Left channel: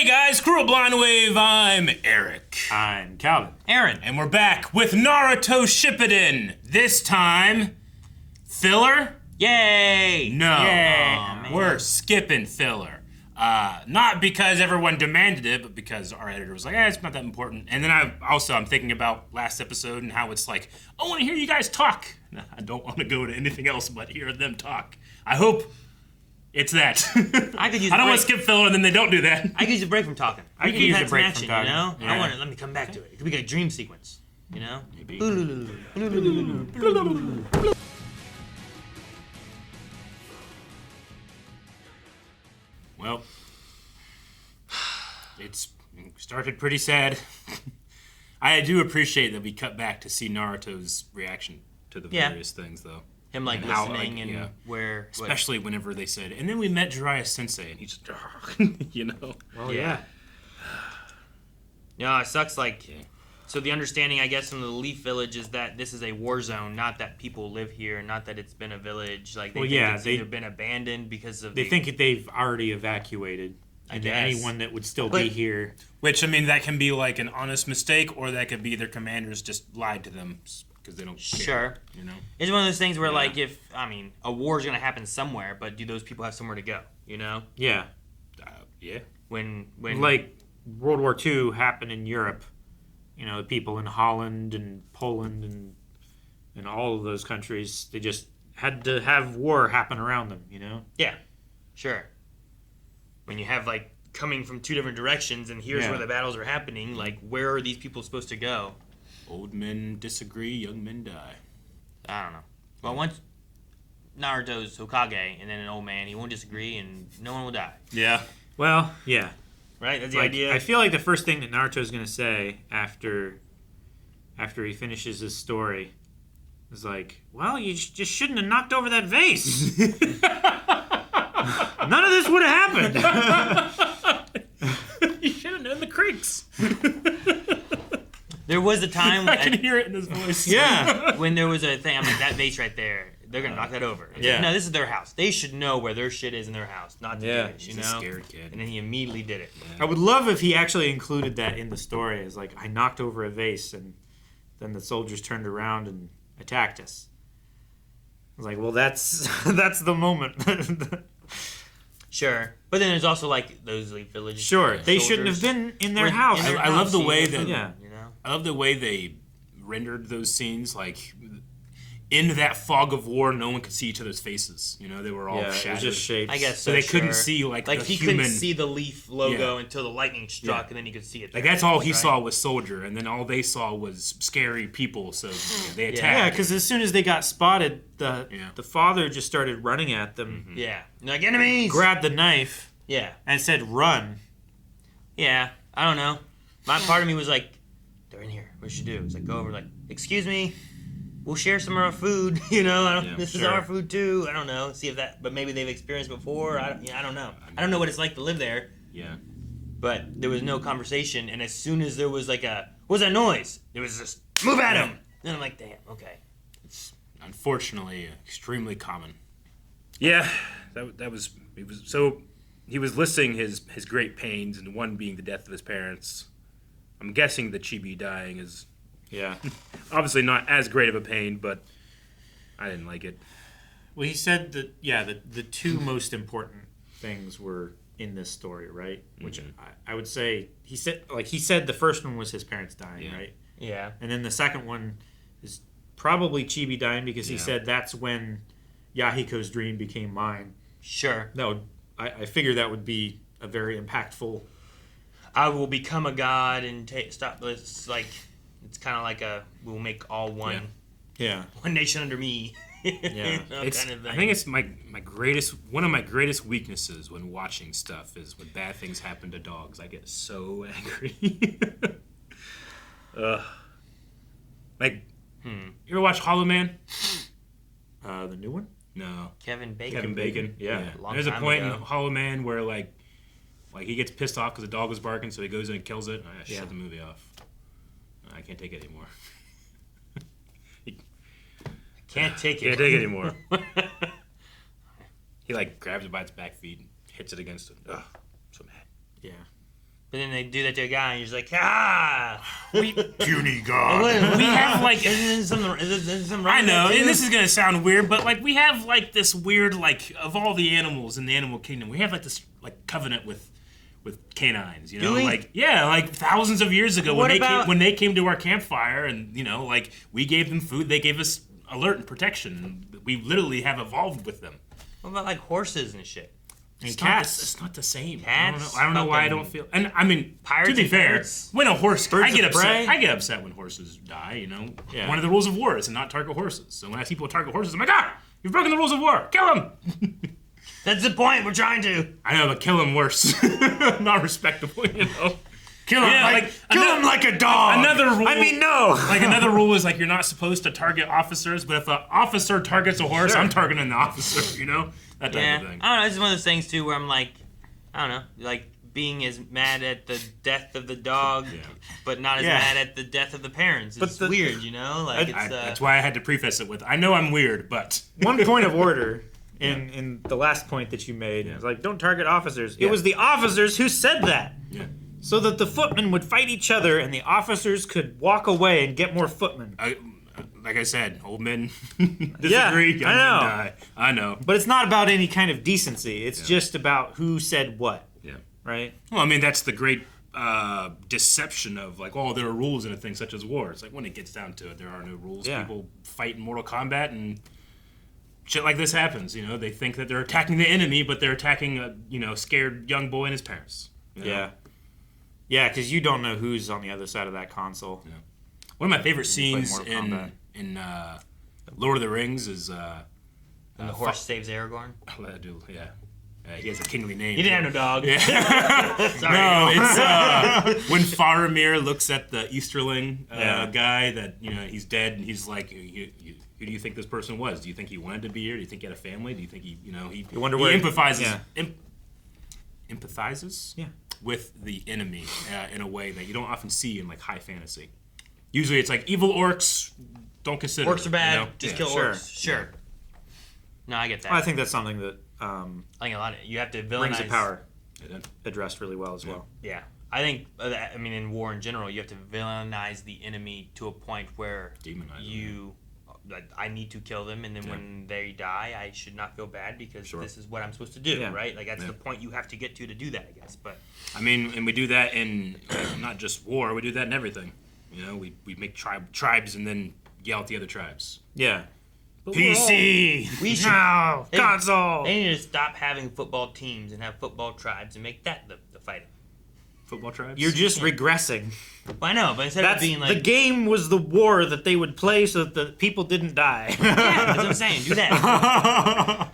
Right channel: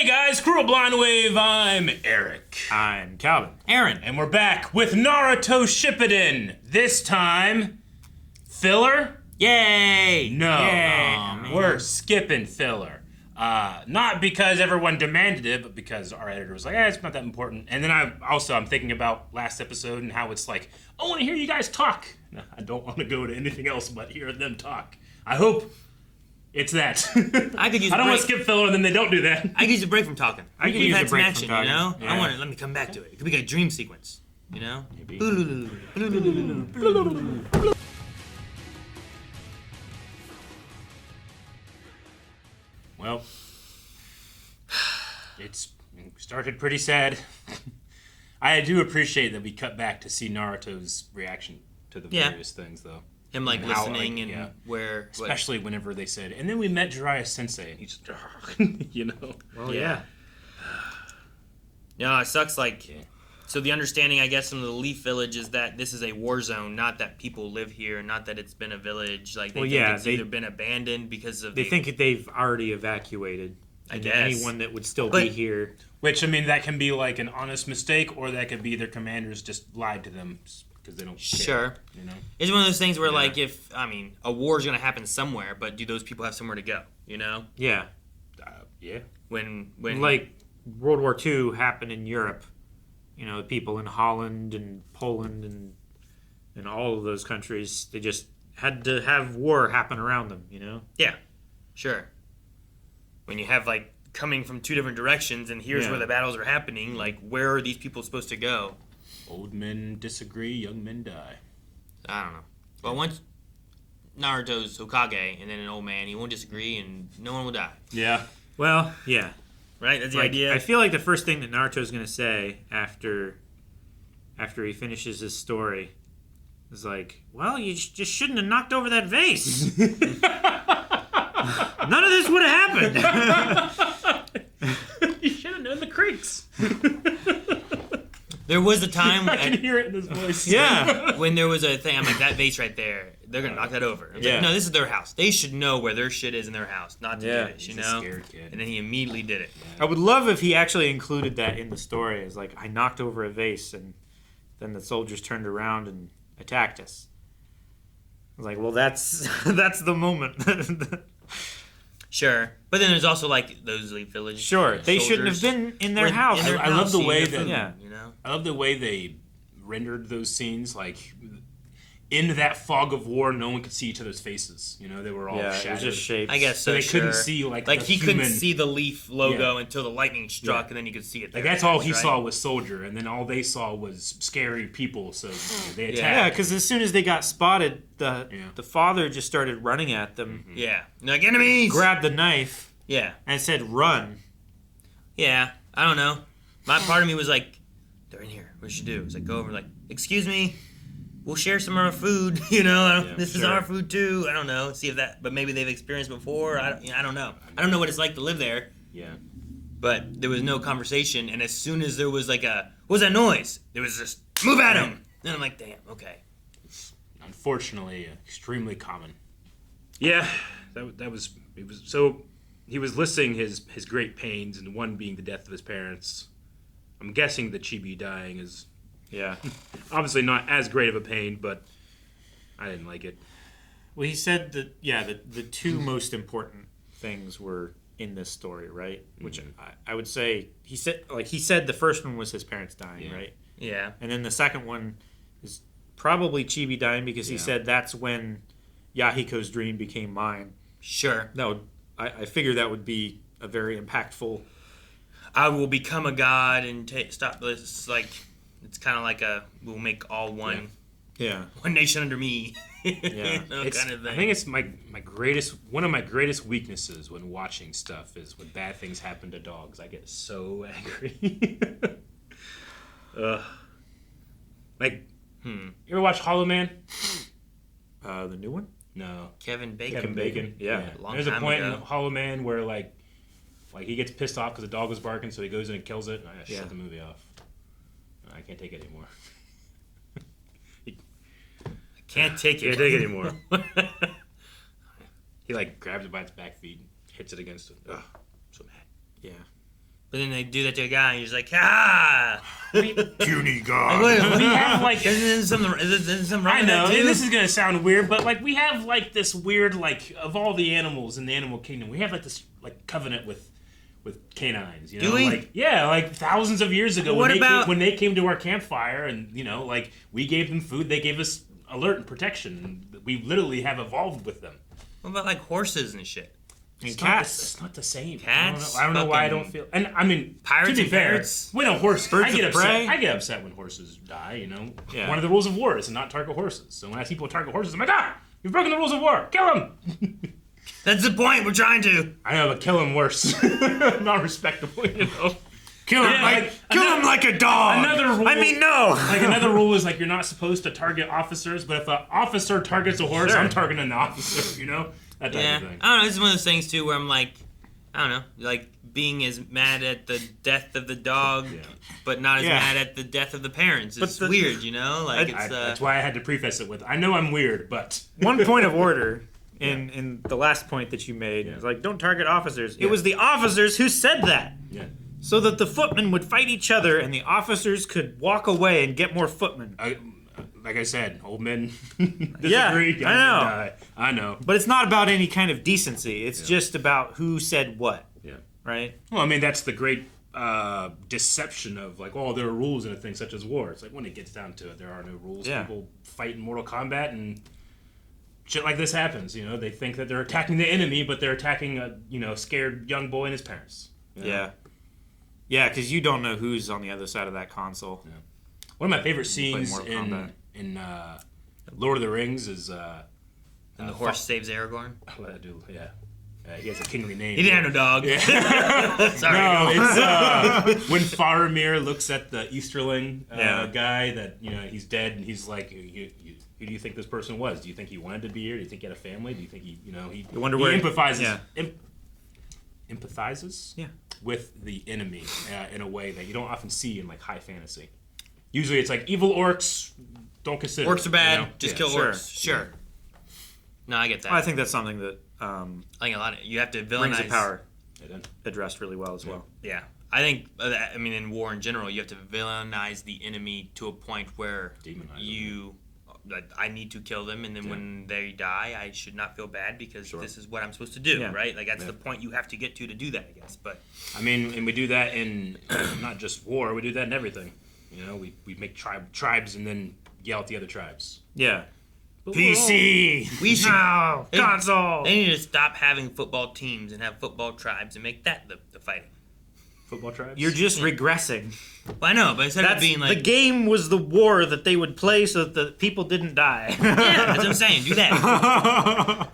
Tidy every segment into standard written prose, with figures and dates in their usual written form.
Hey guys, Crew of Blind Wave, I'm Eric. I'm Calvin. Aaron. And we're back with Naruto Shippuden. This time, filler? Yay! No. Yay. We're skipping filler. Not because everyone demanded it, but because our editor was like, it's not that important. And then I'm thinking about last episode and how it's like, I want to hear you guys talk. No, I don't want to go to anything else but hear them talk. I hope it's that. I could use. I don't want to skip filler and then they don't do that. I could use a break from talking. I could use a break from talking. You know, Yeah. I want to let me come back to it. It could be a dream sequence. You know. Maybe. Well, it's started pretty sad. I do appreciate that we cut back to see Naruto's reaction to the various things, though. Him like And how, listening like, and yeah. where. Especially whenever they said, and then we met Jiraiya Sensei, and he's just, you know. Oh yeah. No, it sucks. Like, Yeah. so the understanding, I guess, in the Leaf Village is that this is a war zone, not that people live here, not that it's been a village. Like, they Well, think yeah, it's either been abandoned because of. They think that they've already evacuated. I And guess. anyone that would still be here. Which, I mean, that can be like an honest mistake, or that could be their commanders just lied to them because they don't care. Sure. You know? It's one of those things where, like, a war's gonna happen somewhere, but do those people have somewhere to go? You know, Yeah. Yeah. when Like World War II happened in Europe. You know, the people in Holland and Poland and all of those countries, they just had to have war happen around them, you know? Yeah, sure. When you have, like, coming from two different directions and here's Yeah. where the battles are happening, like, where are these people supposed to go? Old men disagree, young men die. I don't know. But once Naruto's Hokage and then an old man, he won't disagree and no one will die. Yeah. Well, yeah. Right? That's the Like, idea. I feel like the first thing that Naruto's going to say after he finishes his story is like, well, you just shouldn't have knocked over that vase. None of this would have happened. You should have known the creeks. There was a time I can hear it in his voice. Yeah. when there was a thing, I'm like, that vase right there, they're going to knock that over. It's Yeah. like, no, this is their house. They should know where their shit is in their house, not to do this, you He's know? a scared kid. And then he immediately did it. I would love if he actually included that in the story as like, I knocked over a vase and then the soldiers turned around and attacked us. I was like, well, that's the moment. Sure. But then there's also, like, those Leaf Village Sure, they shouldn't have soldiers. been in their Like, house. in their I love the house, way you that- Yeah. You know? I love the way they rendered those scenes. Like, in that fog of war, no one could see each other's faces. You know, they were all Yeah, it was shadowed. just shapes. I guess So they couldn't sure. see, like the he human... couldn't see the Leaf logo Yeah. until the lightning struck, Yeah. and then you could see it. Like, there, that's all he right? saw was soldier, and then all they saw was scary people, so they attacked. Yeah, because as soon as they got spotted, Yeah. the father just started running at them, Yeah. Like, enemies! grabbed the knife, Yeah. and said, "Run." Yeah. I don't know. My part of me was like, they're in here. What should do? It's like, go over, like, excuse me, we'll share some of our food, you know? Yeah, this is sure. our food, too. I don't know. See if that... But maybe they've experienced before. I don't know. I don't know what it's like to live there. Yeah. But there was no conversation, and as soon as there was, like, what was that noise? It was just, move at him! And I'm like, damn, okay. It's unfortunately extremely common. Yeah, that was... He was listing his great pains, and one being the death of his parents. I'm guessing the Chibi dying is Yeah. obviously not as great of a pain, but I didn't like it. Well, he said that. Yeah, the two most important things were in this story, right? Which I would say he said the first one was his parents dying, Yeah. right? Yeah. And then the second one is probably Chibi dying because he Yeah. said that's when Yahiko's dream became mine. Sure. No, I figure that would be a very impactful. I will become a god and stop this. Like, it's kind of like we'll make all one Yeah. one nation under me. Yeah. Kind of thing. I think it's one of my greatest weaknesses when watching stuff is when bad things happen to dogs. I get so angry. Like, you ever watch Hollow Man? The new one. No. Kevin Bacon. Kevin Bacon. Yeah. Long There's a time point in ago. Hollow Man where like he gets pissed off because the dog was barking, so he goes in and kills it. And I shut the movie off. I can't take it anymore. Can't take it. Can't take it anymore. He like grabs it by its back feet and hits it against it. Ugh, so mad. Yeah. But then they do that to a guy, and you're just like, ah! Puny god. We have like Isn't some I know, and this is gonna sound weird, but like we have like this weird like of all the animals in the animal kingdom, we have like this like covenant with canines, you know, Do we? like like thousands of years ago What about- when they came to our campfire, and you know, like we gave them food, they gave us alert and protection. We literally have evolved with them. What about like horses and shit? And Not cats. it's not the same. Cats? I don't know why I don't feel. And I mean, Pirates to be and fair, birds? when a horse, Birds I get of upset. prey? I get upset when horses die. You know, Yeah. one of the rules of war is to not target horses. So when I see people target horses, I'm like, you've broken the rules of war. Kill them. That's the point. We're trying to. I know, but kill them worse. Not respectable, you know. Kill him, Yeah, kill him like a dog. Another rule. I mean, no. Like another rule is like you're not supposed to target officers, but if an officer targets a horse, Sure. I'm targeting the officer. You know, that type Yeah. of thing. I don't know. It's one of those things too where I'm like, I don't know, like being as mad at the death of the dog, Yeah. but not as Yeah. mad at the death of the parents. It's But the- weird, you know. Like That's why I had to preface it with, I know I'm weird, but One point of order in the last point that you made is like, don't target officers. Yeah. It was the officers who said that. yeah. So that the footmen would fight each other and the officers could walk away and get more footmen. Like I said, old men disagree, young I men know. die. I know. But it's not about any kind of decency. It's Yeah. just about who said what, Yeah. right? Well, I mean, that's the great deception of like, oh, there are rules in a thing such as war. It's like when it gets down to it, there are no rules. Yeah. People fight in Mortal Kombat and shit like this happens. You know, they think that they're attacking the enemy, but they're attacking a scared young boy and his parents. You know? Yeah. Yeah, because you don't know who's on the other side of that console. One of my favorite play scenes Mortal in Kombat. Lord of the Rings is the horse saves Aragorn. he has a kingly name. He didn't have no dog. Sorry. No, it's when Faramir looks at the Easterling guy that he's dead, and he's like, who do you think this person was? Do you think he wanted to be here? Do you think he had a family? Do you think he wonder where empathizes? yeah. Empathizes Yeah. with the enemy in a way that you don't often see in like high fantasy. Usually, it's like evil orcs. Don't consider Orcs are them, bad. Just kill sure. orcs. Sure. No, I get that. I think that's something that I think a lot of you have to villainize. Rings of Power Yeah. addressed really well as well. Yeah, I think. I mean, in war in general, you have to villainize the enemy to a point where Demonize them, you. Like, I need to kill them, and then when they die, I should not feel bad because Sure. this is what I'm supposed to do, Yeah. right? Like that's the point you have to get to do that, I guess. But I mean, and we do that in not just war. We do that in everything. You know, we make tribes and then yell at the other tribes. Yeah. But we're PC! We should- No! They- Console! they need to stop having football teams and have football tribes and make that the fighting. Football tribes. You're just regressing. Well, I know, but instead of That's, being like, the game was the war that they would play so that the people didn't die. yeah, that's what I'm saying. Do that.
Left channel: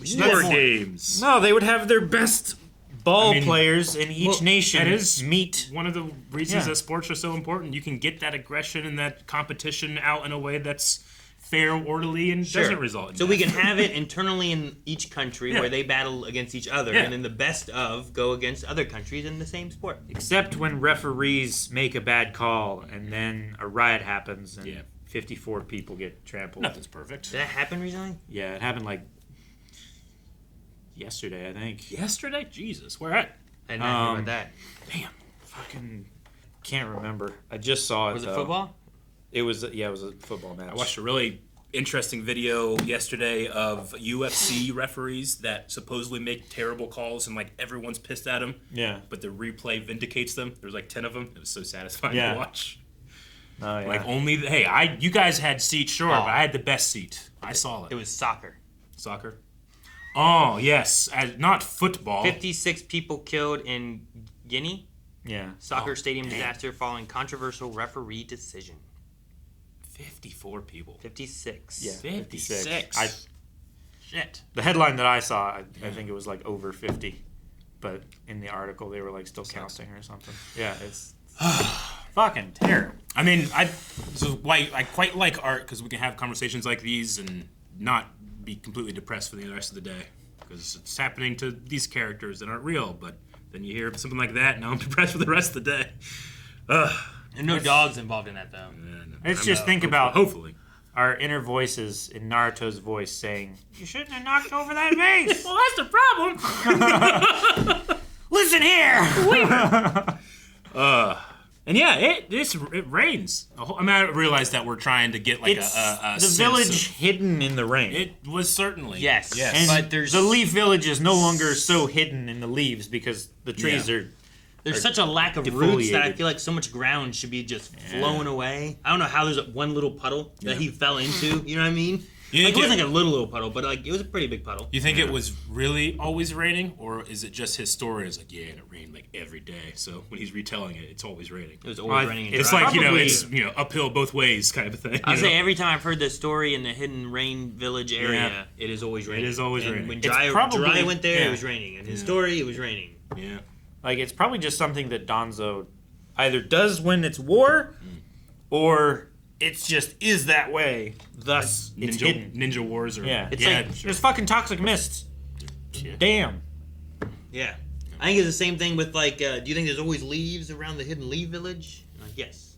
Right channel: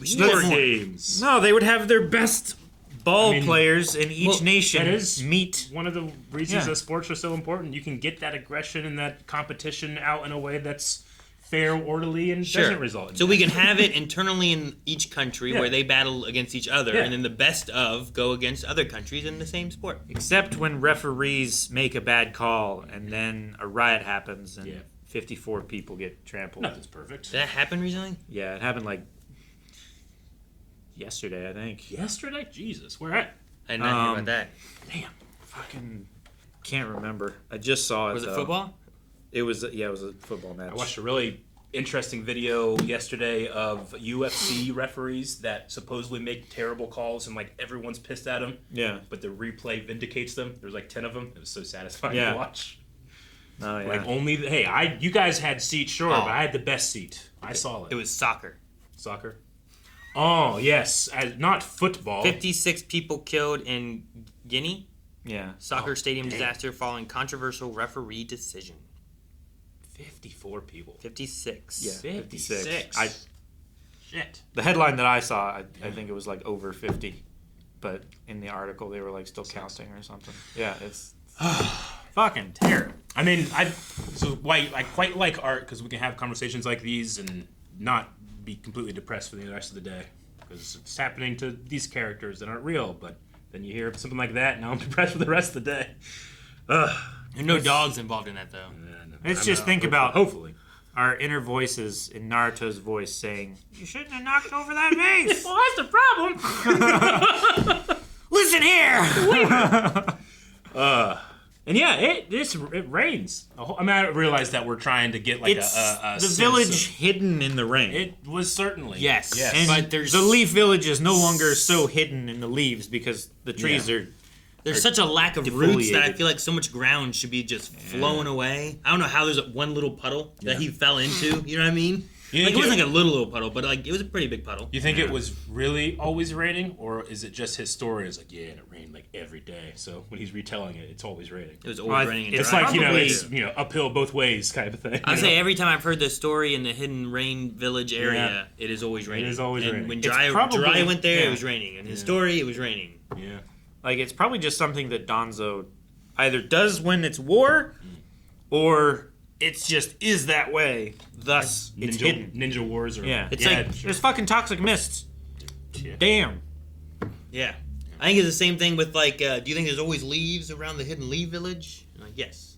We should do war that more. games. No, they would have their best ball I mean, players in each well, nation that is meet. One of the reasons Yeah. that sports are so important. You can get that aggression and that competition out in a way that's fair, orderly, and Sure. doesn't result in So death. we can have it internally in each country Yeah. where they battle against each other, Yeah. and then the best of go against other countries in the same sport. Except when referees make a bad call and then a riot happens and Yeah. 54 people get trampled. Nothing's perfect. Did that happen recently? Yeah, it happened like yesterday, I think. Yesterday, Jesus, where at? I didn't know about that. Damn. Fucking can't remember. I just saw it Was it though. football? It was it was a football match. I watched a really interesting video yesterday of UFC referees that supposedly make terrible calls and like everyone's pissed at them, Yeah. but the replay vindicates them. There's like 10 of them. It was so satisfying Yeah. to watch. No, yeah. Like you guys had seats, sure, Oh. but I had the best seat. I saw It it. was soccer. Soccer. Oh yes, not football. 56 people killed in Guinea. yeah. Soccer stadium damn. disaster following controversial referee decision. 54 people. 56. Yeah. 56. I Shit. the headline that I saw, I think it was like over 50, but in the article they were like still counting or something. Yeah, it's fucking terrible. I mean, so why I quite like art because we can have conversations like these and not be completely depressed for the rest of the day because it's happening to these characters that aren't real. But then you hear something like that, and now I'm depressed for the rest of the day. Ugh. And no dogs involved in that though. Let's just think about- hopefully. Our inner voices in Naruto's voice saying, "You shouldn't have knocked over that vase." Well, that's the problem. Listen here. And yeah, it rains. I mean, I realized that we're trying to get like It's a the sense village of- hidden in the rain. It was certainly Yes. Yes. and but there's- the leaf village is no longer so hidden in the leaves because the trees Yeah. are. There's such a lack of roots defoliated. that I feel like so much ground should be just flowing away. I don't know how there's one little puddle that he fell into. You know what I mean? You Like, think it wasn't like a little puddle, but like it was a pretty big puddle. You think it was really always raining, or is it just his story? It's like, yeah, and it rained like every day. So when he's retelling it, it's always raining. It was Well, always raining. it's It's like Probably- it's uphill both ways kind of thing. I you say know? every time I've heard this story in the Hidden Rain Village area, it is always raining. is always And raining. When It's Jiraiya probably- went there, yeah. it was raining. In his story, it was raining. Yeah. Like, it's probably just something that Donzo either does when it's war, or it's just is that way. Thus, it's hidden. Ninja Wars or Yeah. It's yeah, like- sure. There's fucking toxic mists. Yeah. Damn. Yeah. I think it's the same thing with like, do you think there's always leaves around the Hidden Leaf Village? Like, yes.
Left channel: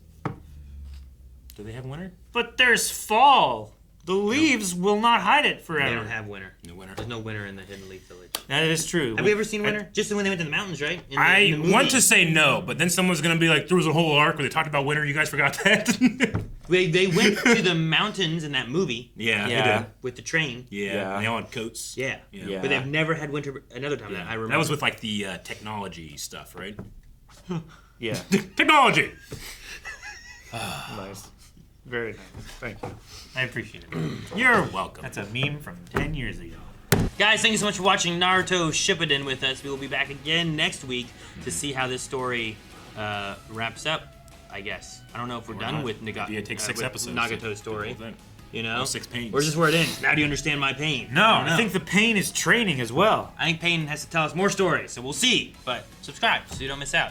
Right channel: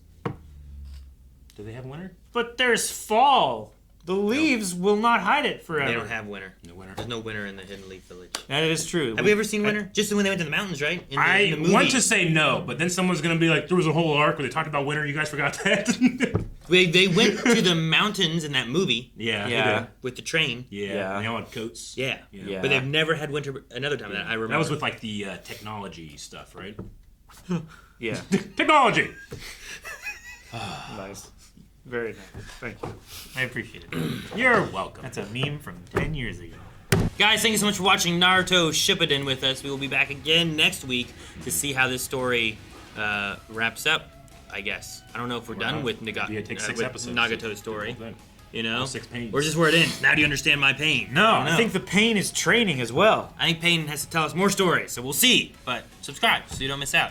Do they have winter? But there's fall. The leaves will not hide it forever. They don't have winter. No winter. There's no winter in the Hidden Leaf Village. That is true. Have we ever seen winter? Just when they went to the mountains, right? In the I movie. want to say no, but then someone's gonna be like, there was a whole arc where they talked about winter. You guys forgot that. They went to the mountains in that movie yeah. Yeah. They did. with the train. Yeah. Yeah. And they all had coats. Yeah. Yeah. But they've never had winter another time that I remember. That was with like the technology stuff, right? Yeah. Technology. Nice. Very nice. Thank you. I appreciate it. You're welcome. That's a meme from 10 years ago. Guys, thank you so much for watching Naruto Shippuden with us. We will be back again next week to see how this story wraps up, I guess. I don't know if we're done with Nagato. Yeah, it takes 6 with episodes. Nagato's story. Whole thing. You know? All 6 pains. Or just where it ends. Now do you understand my pain? No, don't I know. think the pain is training as well. I think Pain has to tell us more stories, so we'll see. But subscribe so you don't miss out.